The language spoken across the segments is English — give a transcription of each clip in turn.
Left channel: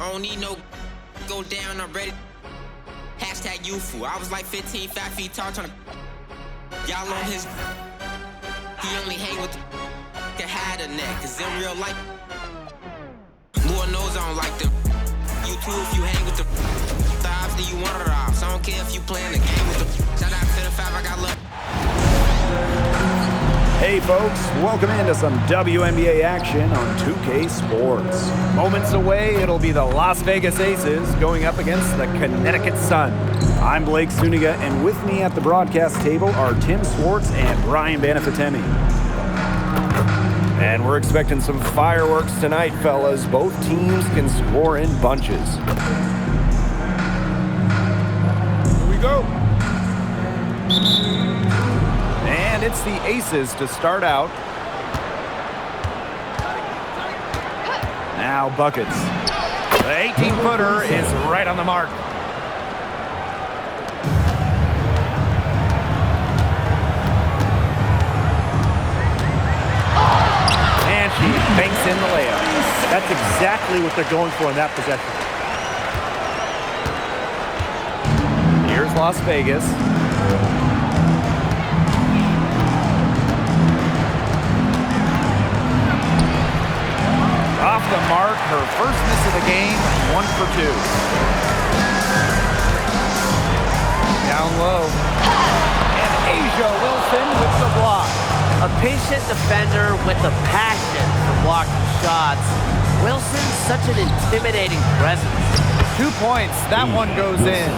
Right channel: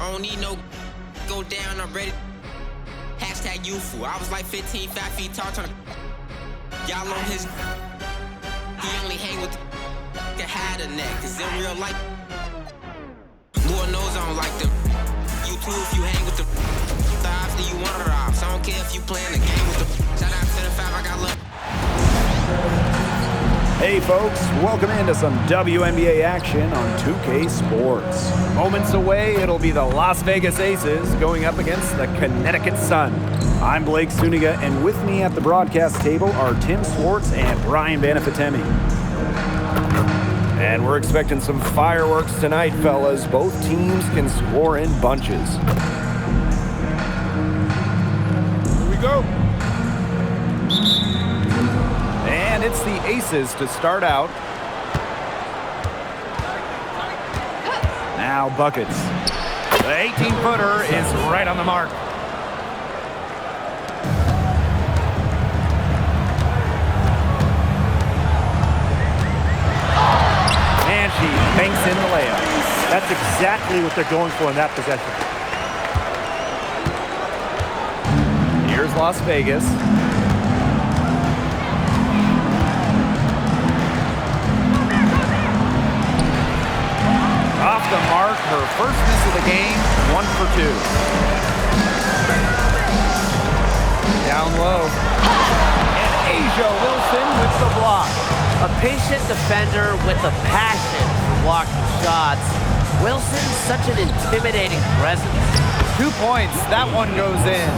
I don't need no go down, I'm ready. Hashtag youthful. I was like 15, 5 feet tall, trying to y'all on his. He only hang with the hide a neck, cause in real life, Lord knows I don't like them. You too, if you hang with the thighs, then you want it off. So I don't care if you playing the game with them. Shout out to the 5, I got love. Hey folks, welcome into some WNBA action on 2K Sports. Moments away, it'll be the Las Vegas Aces going up against the Connecticut Sun. I'm Blake Suniga, and with me at the broadcast table are Tim Swartz and Brian Banafitemi. And we're expecting some fireworks tonight, fellas. Both teams can score in bunches. Here we go. And it's the Aces to start out. Now buckets. The 18-footer is right on the mark. And she banks in the layup. That's exactly what they're going for in that possession. Here's Las Vegas. Off the mark, her first miss of the game, 1 for 2. Down low. And A'ja Wilson with the block. A patient defender with a passion for blocking shots. Wilson's such an intimidating presence. 2 points, that one goes in.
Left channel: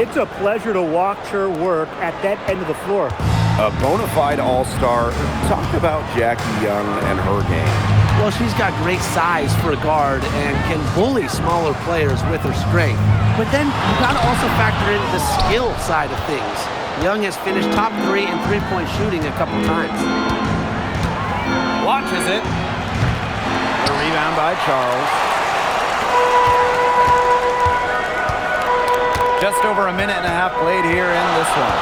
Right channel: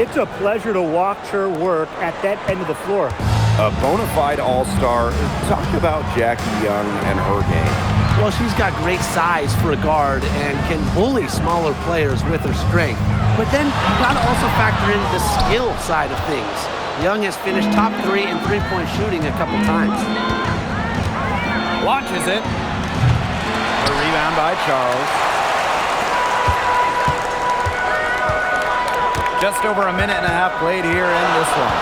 It's a pleasure to watch her work at that end of the floor. A bona fide all-star. Talk about Jackie Young and her game. Well, she's got great size for a guard and can bully smaller players with her strength. But then you got to also factor in the skill side of things. Young has finished top 3 in three-point shooting a couple times. Launches it. The rebound by Charles. Just over a minute and a half played here in this one.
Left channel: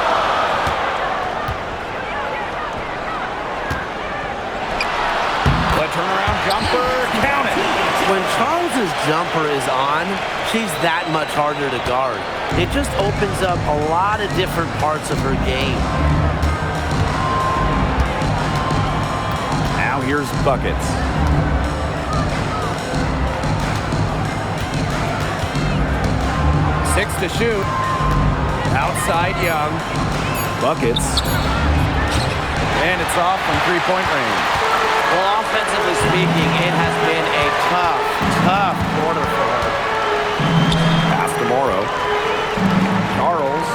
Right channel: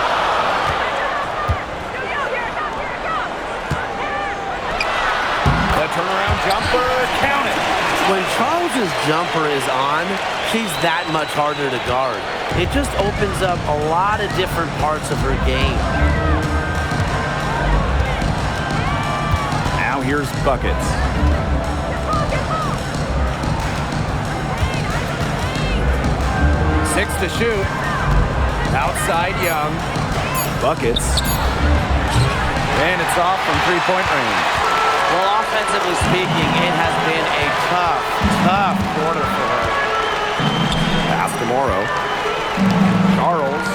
The turnaround jumper, count it. When Charles's jumper is on, she's that much harder to guard. It just opens up a lot of different parts of her game. Now here's buckets. Six to shoot. Outside Young. Buckets. And it's off from three-point range. Well, offensively speaking, it has been a tough quarter for her. Pass to Morrow. Charles.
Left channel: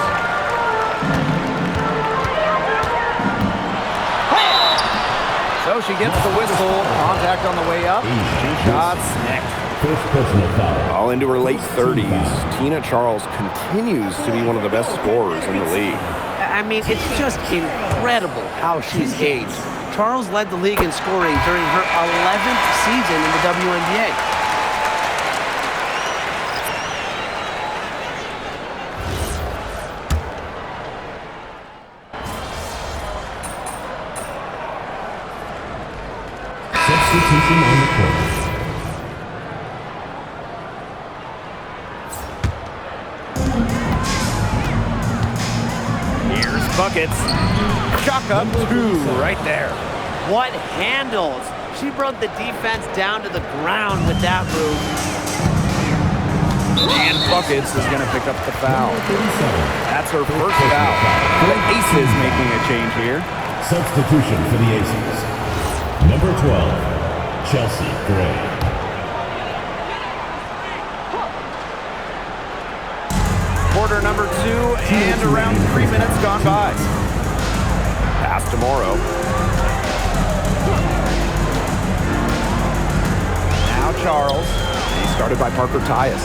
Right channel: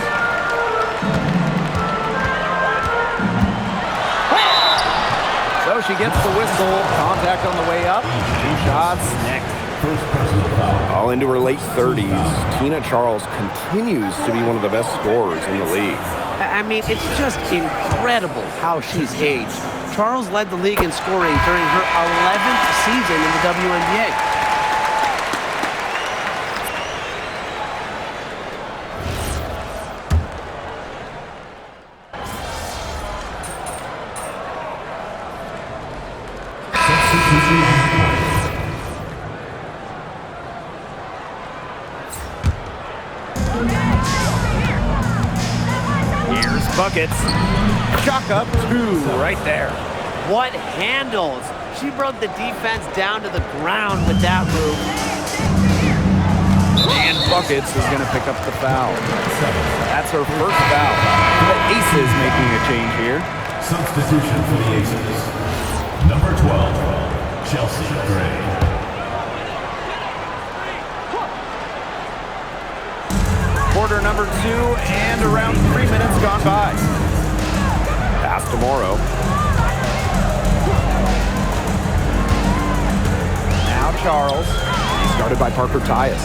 So she gets the whistle. Contact on the way up. 2 shots next. First personal foul. All into her late 30s, Tina Charles continues to be one of the best scorers in the league. I mean, it's just incredible how she's aged. Charles led the league in scoring during her 11th season in the WNBA. Substitution on the court. Here's buckets. Chalk up 2 right there. What handles! She brought the defense down to the ground with that move. And Buckets is going to pick up the foul. That's her first foul. The Aces making a change here. Substitution for the Aces. Number 12, Chelsea Gray. Quarter number 2 and around 3 minutes gone by. Pass to Morrow. Now Charles. He's guarded by Parker Tyus.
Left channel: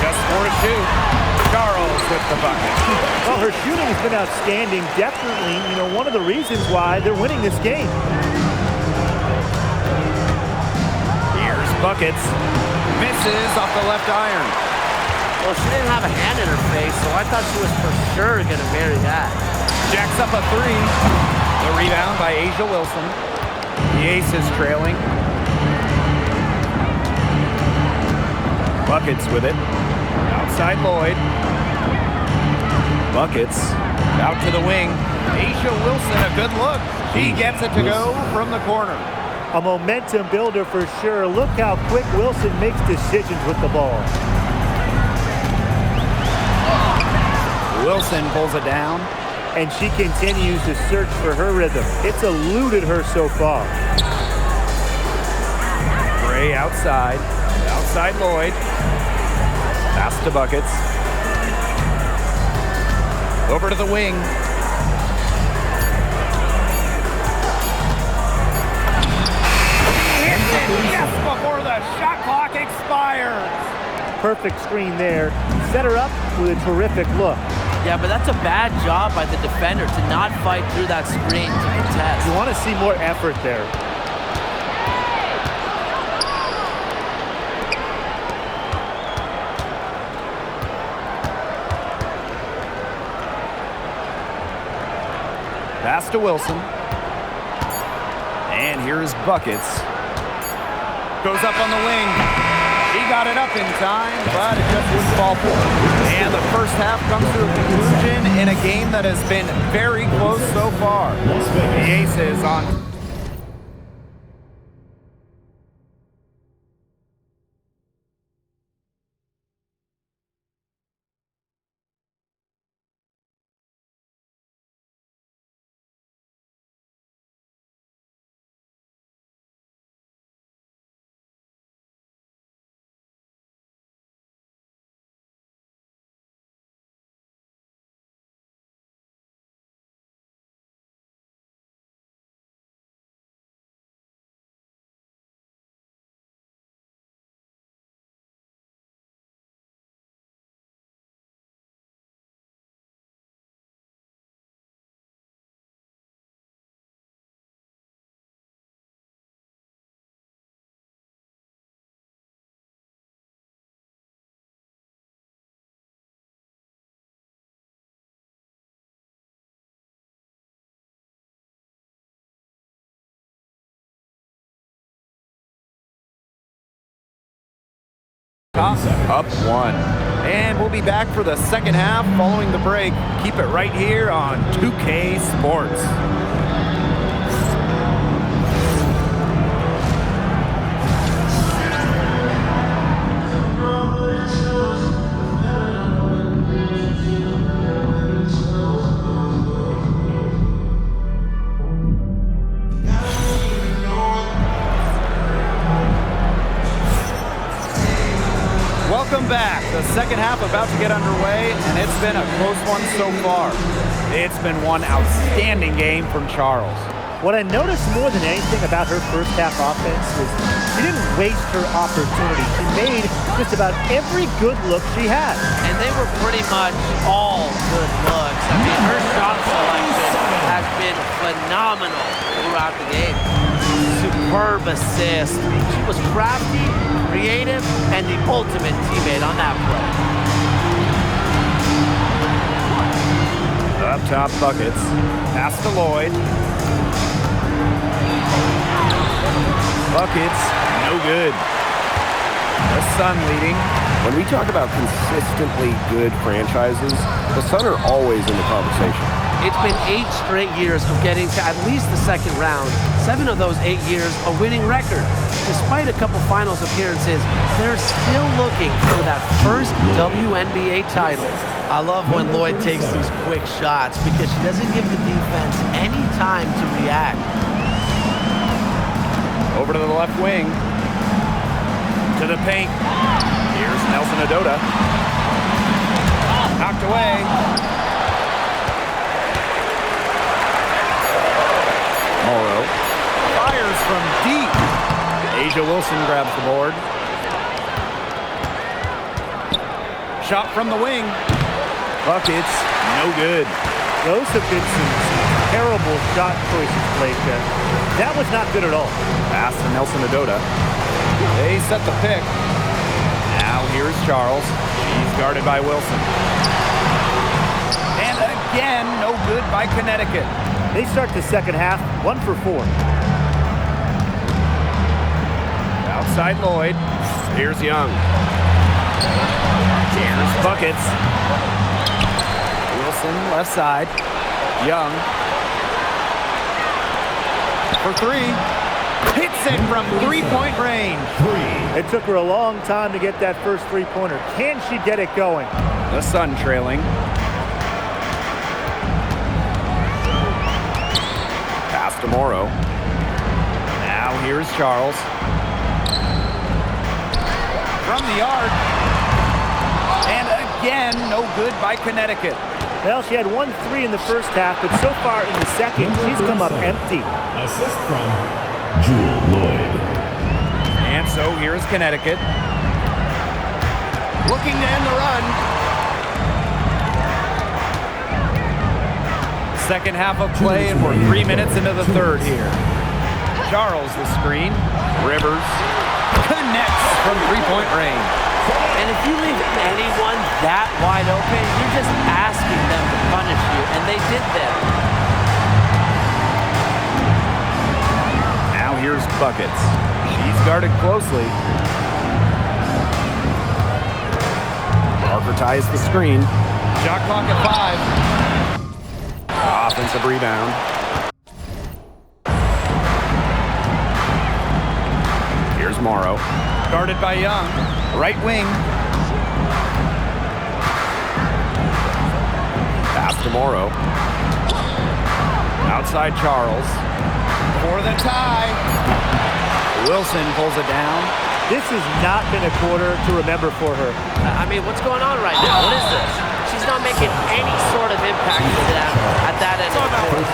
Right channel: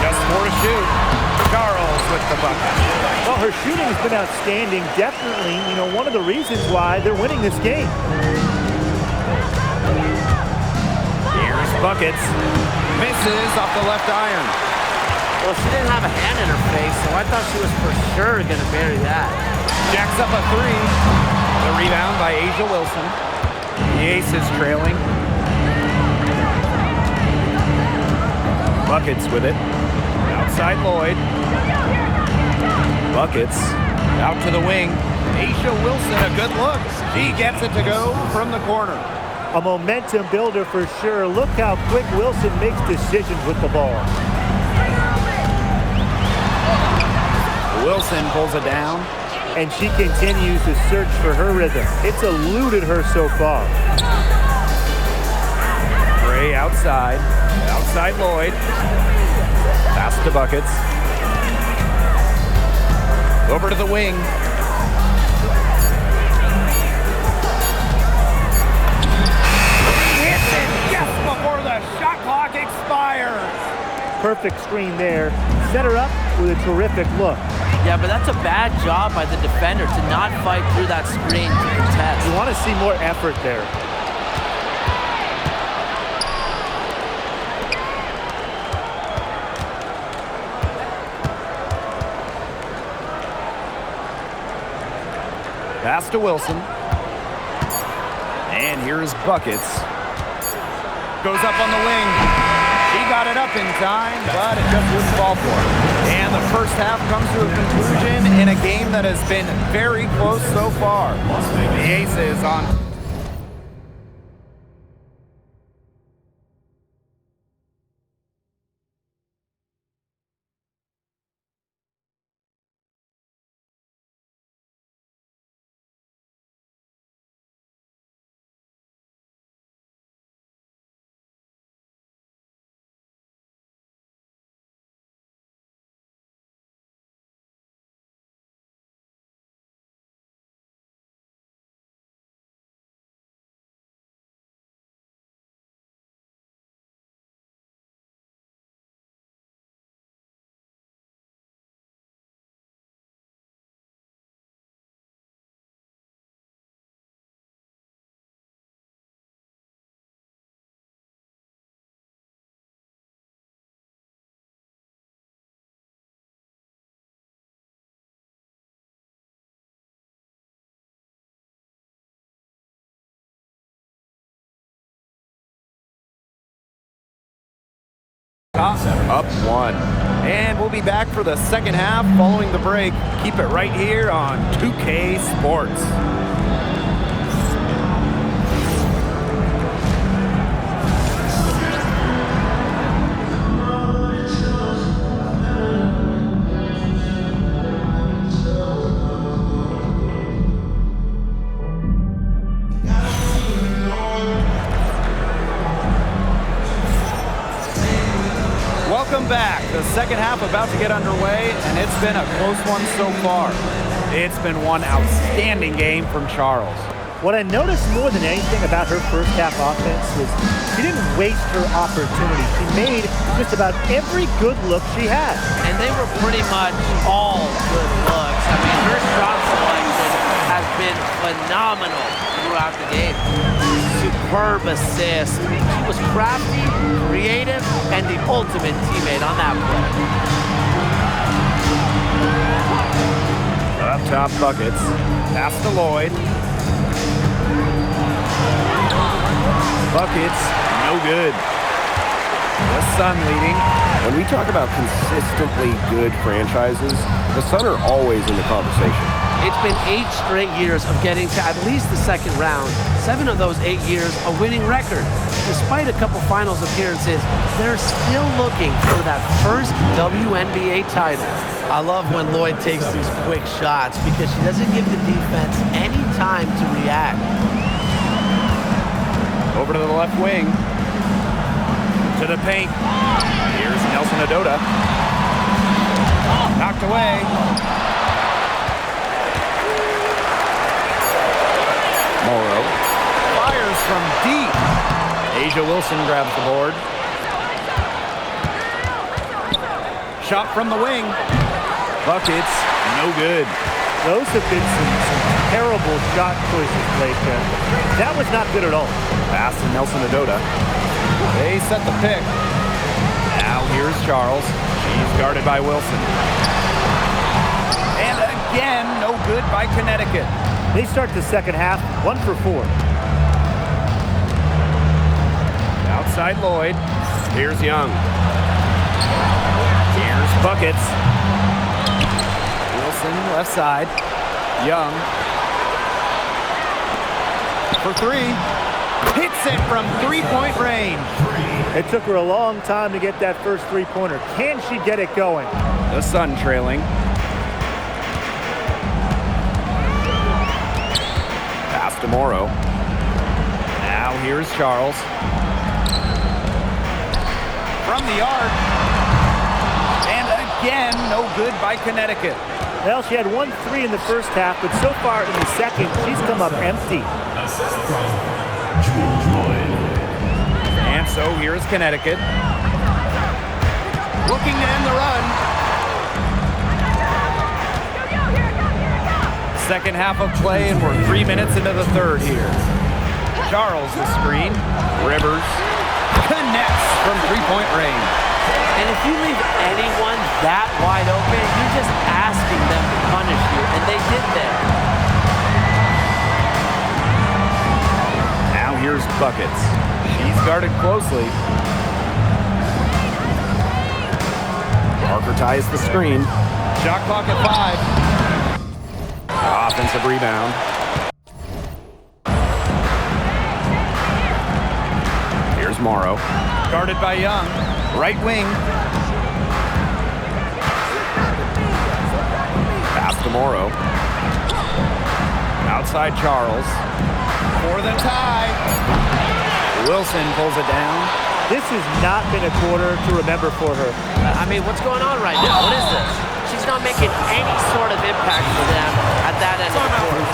Just 4 to shoot. Charles with the bucket. Well, her shooting has been outstanding. Definitely, one of the reasons why they're winning this game. Here's Buckets. Misses off the left iron. Well, she didn't have a hand in her face, so I thought she was for sure going to bury that. Jacks up a 3. The rebound by A'ja Wilson. The Aces trailing. Buckets with it. Outside Lloyd. Buckets out to the wing. A'ja Wilson, a good look. She gets it to go from the corner. A momentum builder for sure. Look how quick Wilson makes decisions with the ball. Wilson pulls it down. And she continues to search for her rhythm. It's eluded her so far. Gray outside. Outside Lloyd. Pass to Buckets. Over to the wing. He hits it just before the shot clock expires. Perfect screen there. Set her up with a terrific look. Yeah, but that's a bad job by the defender to not fight through that screen to contest. You want to see more effort there. Pass to Wilson. And here's Buckets. Goes up on the wing. He got it up in time, but it just wouldn't fall for him. And the first half comes to a conclusion in a game that has been very close so far. The Aces on up one. And we'll be back for the second half following the break. Keep it right here on 2K Sports. Welcome back. The second half about to get underway, and it's been a close one so far. It's been one outstanding game from Charles. What I noticed more than anything about her first half offense was she didn't waste her opportunity. She made just about every good look she had. And they were pretty much all good looks. I mean, her shot selection has been phenomenal throughout the game. Superb assist. She was crafty, creative, and the ultimate teammate on that play. Up top, Buckets. Pass to Lloyd. Buckets, no good. The Sun leading. When we talk about consistently good franchises, the Sun are always in the conversation. It's been 8 straight years of getting to at least the second round. 7 of those 8 years a winning record. Despite a couple finals appearances, they're still looking for that first WNBA title. I love when Lloyd takes these quick shots because she doesn't give the defense any time to react. Over to the left wing. To the paint. Here's Nelson Adota. Knocked away. Morrow fires from deep. A'ja Wilson grabs the board. Shot from the wing. Buckets, no good. Those have been some terrible shot choices, Blake. That was not good at all. Pass to Nelson Adota. They set the pick. Now here's Charles. She's guarded by Wilson. And again, no good by Connecticut. They start the second half 1 for 4. Outside Lloyd. Here's Young. Here's Buckets. Wilson left side. Young. For three. Hits it from three-point range. It took her a long time to get that first three-pointer. Can she get it going? The Sun trailing. Pass to Morrow. Now here's Charles. From the arc. And again, no good by Connecticut. Well, she had 1-3 in the first half, but so far in the second, she's come up empty. Assist from Jewel Lloyd. And so here's Connecticut. Looking to end the run. Second half of play, and we're 3 minutes into the third here. Charles the screen. Rivers connects from three-point range. And if you leave anyone that wide open, you're just asking them to punish you, and they did there. Now here's Buckets. She's guarded closely. Parker ties the screen. Shot clock at 5. Offensive rebound. Here's Morrow. Guarded by Young. Right wing. Pass to Morrow. Outside Charles. For the tie. Wilson pulls it down. This has not been a quarter to remember for her. I mean, what's going on right now? What is this? She's not making any sort of impact for them at that end of the court.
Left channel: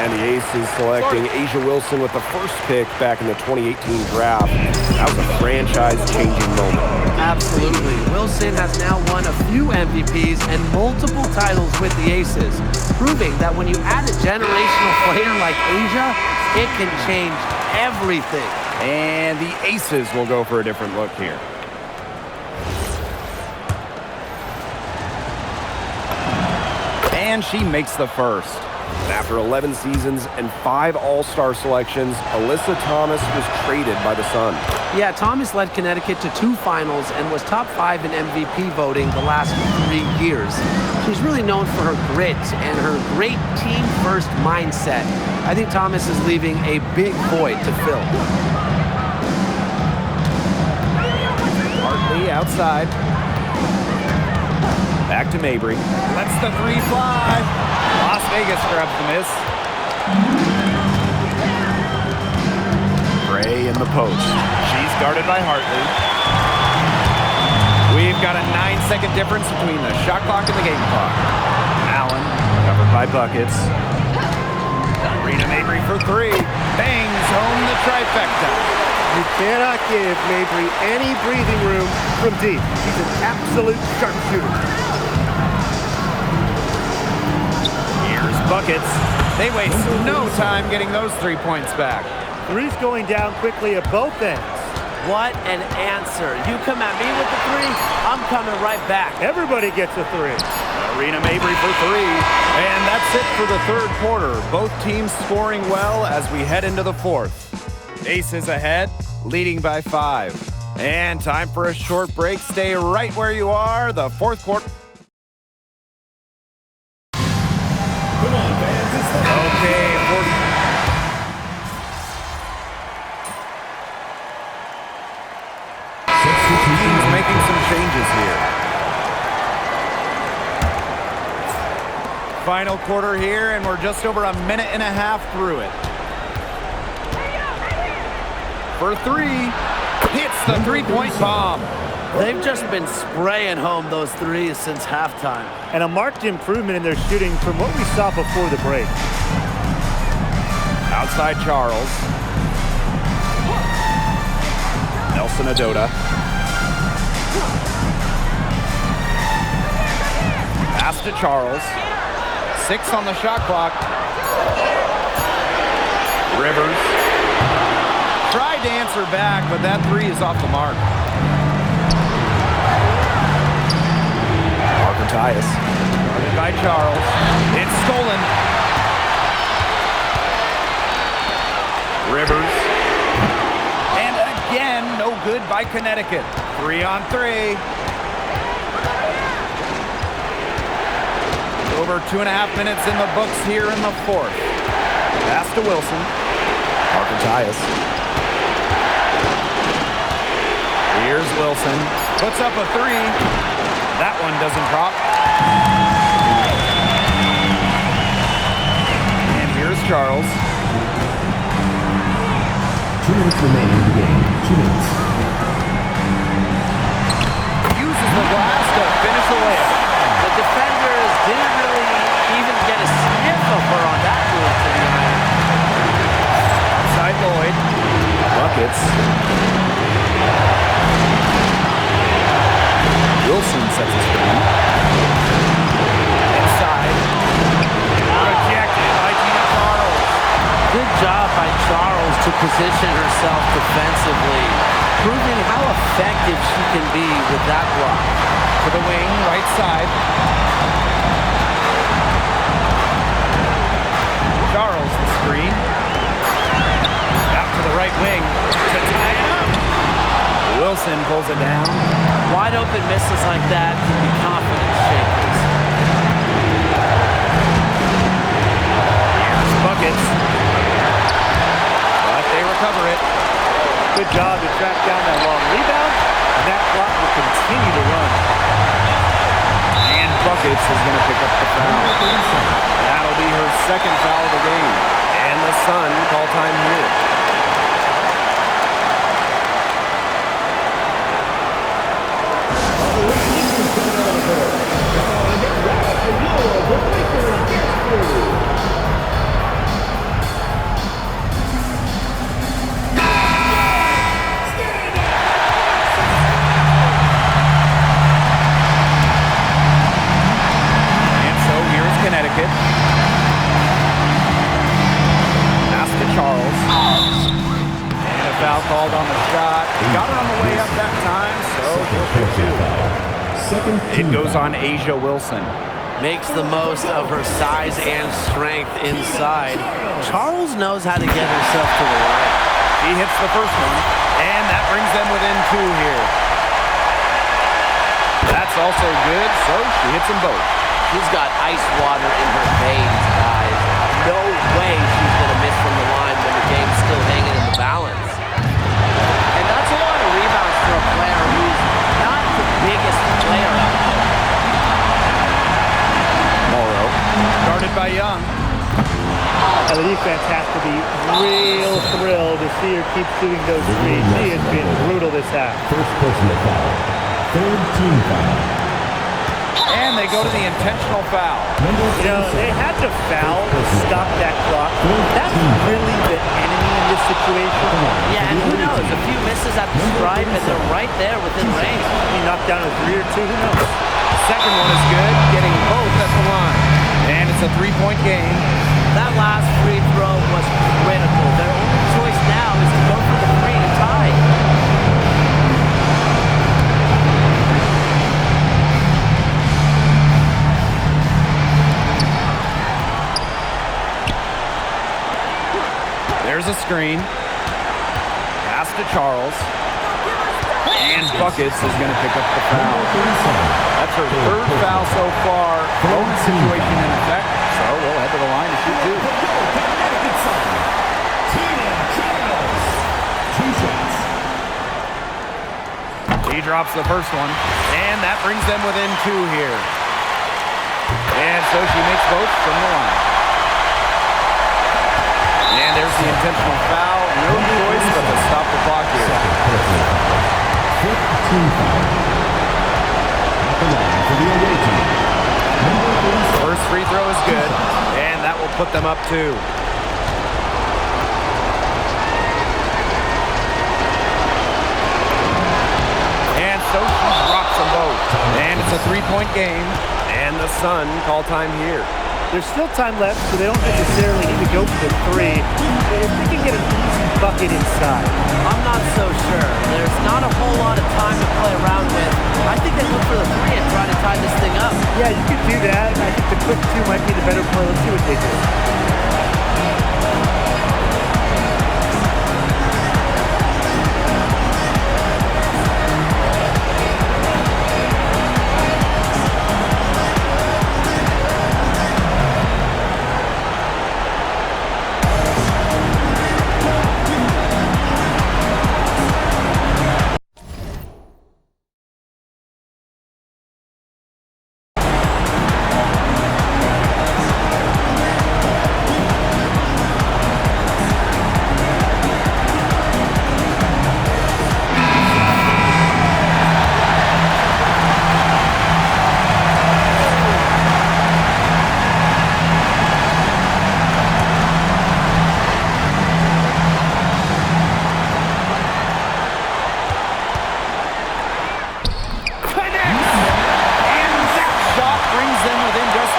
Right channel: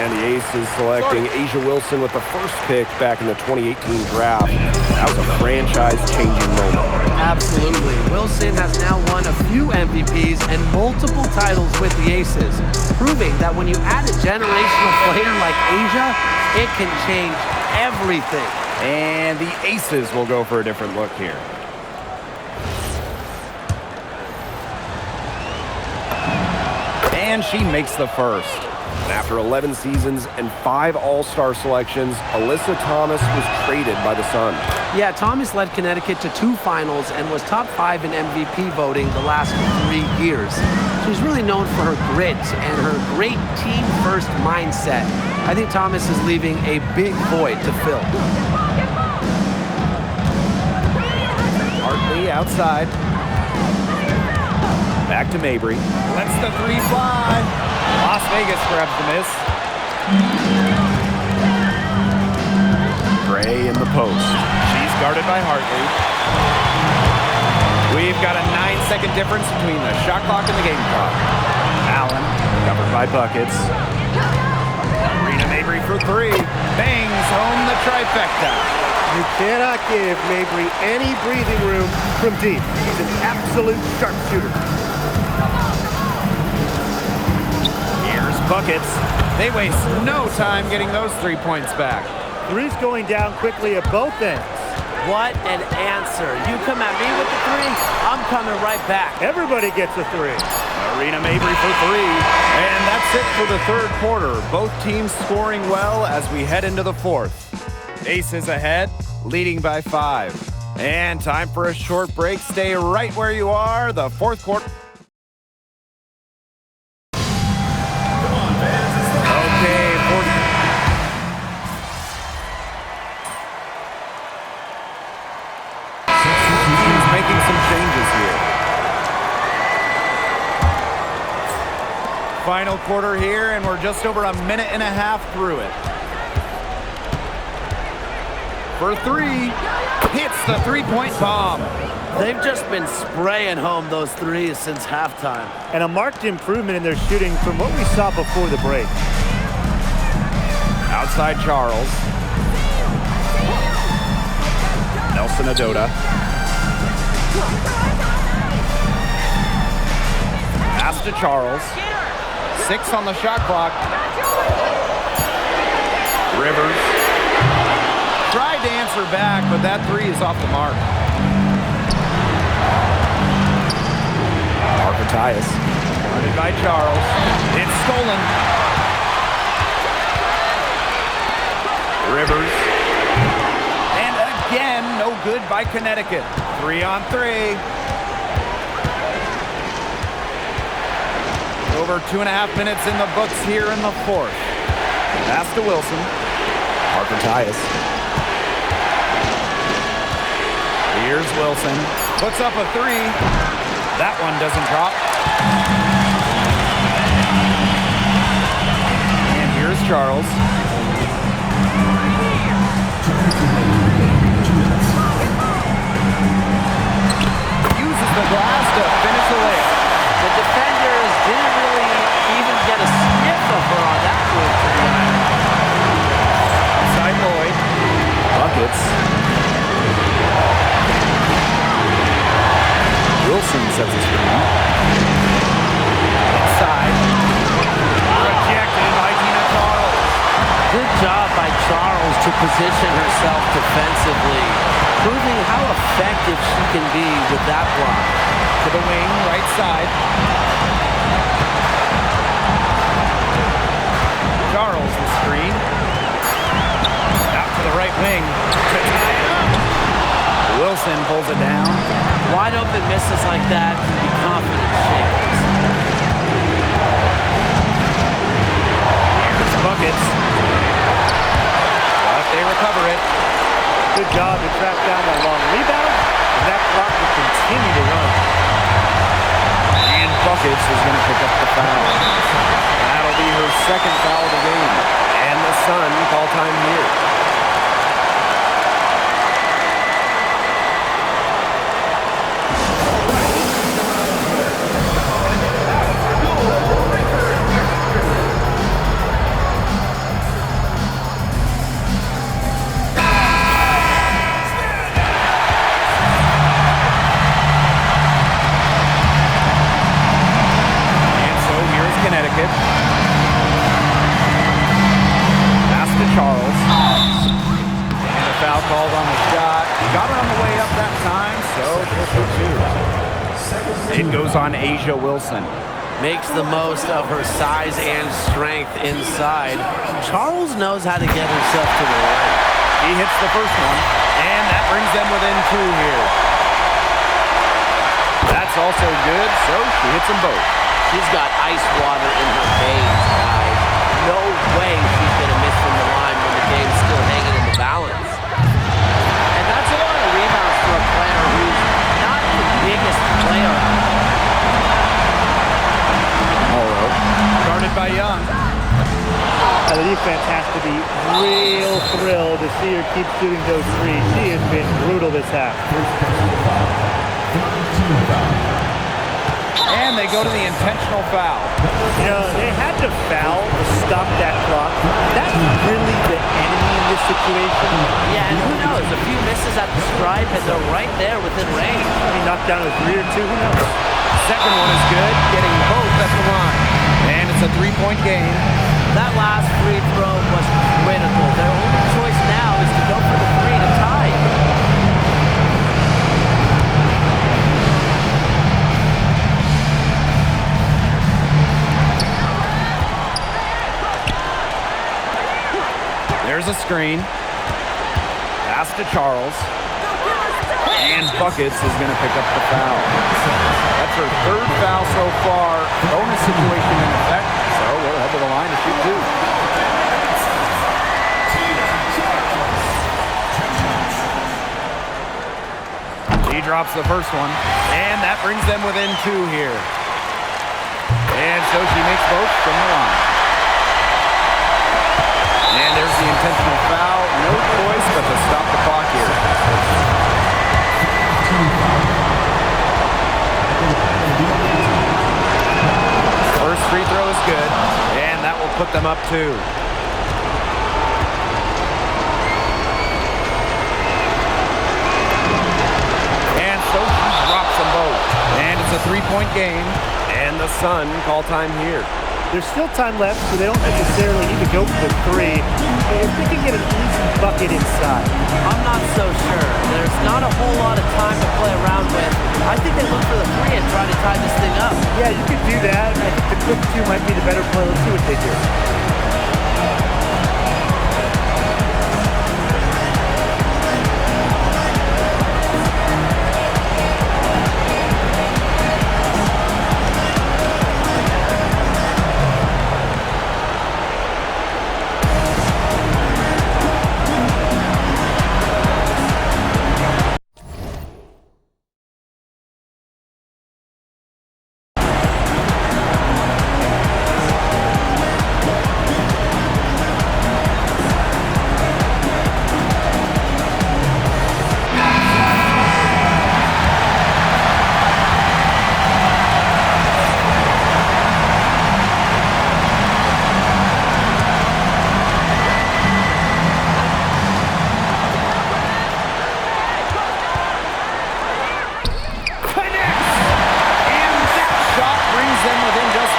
And the Aces selecting A'ja Wilson with the first pick back in the 2018 draft. That was a franchise-changing moment. Absolutely. Wilson has now won a few MVPs and multiple titles with the Aces, proving that when you add a generational player like A'ja, it can change everything. And the Aces will go for a different look here. And she makes the first. And after 11 seasons and 5 All-Star selections, Alyssa Thomas was traded by the Sun. Yeah, Thomas led Connecticut to 2 finals and was top 5 in MVP voting the last 3 years. She's really known for her grit and her great team-first mindset. I think Thomas is leaving a big void to fill. Hartley outside. Back to Mabry. Lets the three fly. Las Vegas grabs the miss. Gray in the post. She's guarded by Hartley. We've got a 9-second difference between the shot clock and the game clock. Allen, covered by Buckets. Rena Mabry for 3. Bangs home the trifecta. You cannot give Mabry any breathing room from deep. She's an absolute sharpshooter. Here's Buckets. They waste no time getting those 3 points back. Three's going down quickly at both ends. What an answer. You come at me with the 3, I'm coming right back. Everybody gets a 3. Rena Mabry for 3. And that's it for the third quarter. Both teams scoring well as we head into the fourth. Aces ahead, leading by 5. And time for a short break. Stay right where you are. The fourth quarter. Okay, teams making some changes here. Final quarter here, and we're just over a minute and a half through it. For 3, hits the three-point bomb. They've just been spraying home those 3s since halftime. And a marked improvement in their shooting from what we saw before the break. Outside Charles. Nelson Adota. Pass to Charles. 6 on the shot clock. Rivers. Tried to answer back, but that 3 is off the mark. Parker Tyus. Guarded by Charles. It's stolen. Rivers. And again, no good by Connecticut. 3 on 3. Over 2.5 minutes in the books here in the fourth. Pass to Wilson. Parker Tyus. Here's Wilson. Puts up a three. That one doesn't drop. And here's Charles. 2 minutes remaining in the game. 2 minutes. Uses the glass to finish the layup. The defenders didn't really even get a sniff of her on that move to the iron. Outside Lloyd. Buckets. Wilson sets a screen. Inside. Rejected by Tina Charles. Good job by Charles to position herself defensively, proving how effective she can be with that block. To the wing, right side. Charles the screen. Out to the right wing to tie it up. Wilson pulls it down. Wide open misses like that can be confidence shakers. Here's Buckets. But they recover it. Good job to track down that long rebound, and that clock will continue to run. And Buckets is going to pick up the foul. That'll be her second foul of the game. And the Sun call time here. Connecticut. Pass to Charles. And a foul called on the shot. Got her on the way up that time, so she'll shoot two. It goes on A'ja Wilson. Makes the most of her size and strength inside. Charles knows how to get herself to the line. She hits the first one, and that brings them within two here. That's also good, so she hits them both. She's got ice water in her veins, guys. No way she's going to miss from the line when the game's still hanging in the balance. And that's a lot of rebounds for a player who's not the biggest player out there. Morrow, guarded by Young. The defense has to be real thrilled to see her keep shooting those threes. She has been brutal this half. First personal foul. Third team foul. And they go to the intentional foul. You know, they had to foul to stop that clock. That's really the enemy in this situation. Yeah, and who knows? A few misses at the stripe, and they're right there within range. He knocked down a three or two, who knows? Second one is good, getting both at the line. And it's a three-point game. That last free throw was critical. Their only choice now is to go for the three to tie. There's a screen. Pass to Charles. And Buckets is going to pick up the foul. That's her third foul so far. Bonus situation in effect. So we'll head to the line to shoot two. He drops the first one. And that brings them within two here. And so she makes both from the line. And there's the intentional foul. No choice but to stop the clock here. First free throw is good, and that will put them up two. And so she drops them both. And it's a three-point game. And the Sun call time here. There's still time left, so they don't necessarily need to go for the three. If they can get an easy bucket inside. I'm not so sure. There's not a whole lot of time to play around with. I think they look for the three and try to tie this thing up. Yeah, you could do that. I think the quick two might be the better play. Let's see what they do.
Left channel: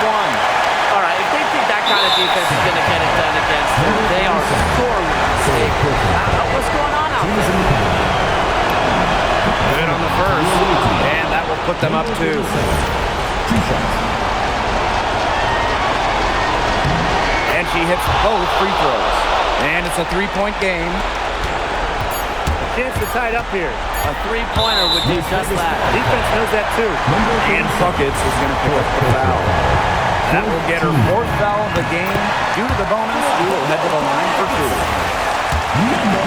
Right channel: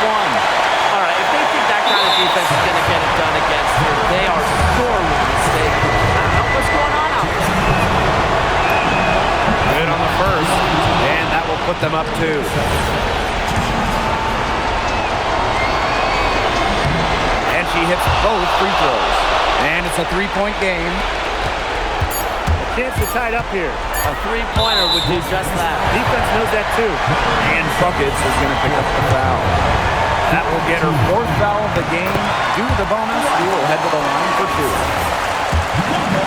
one. All right, if they think that kind of defense is going to get it done against her, they are sorely mistaken. What's going on out there? Good on the first, and that will put them up 2. And she hits both free throws. And it's a 3-point game. A chance to tie it up here. A three-pointer would do just that. Defense knows that too. And Buckets is going to pick up the foul. That will get her 4th foul of the game. Due to the bonus, she will head to the line for 2. Number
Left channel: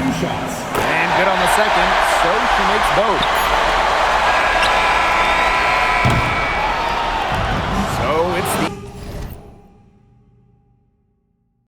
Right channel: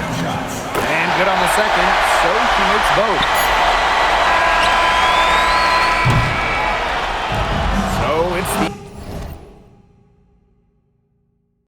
37. 2 shots. And good on the second, so she makes both. So it's the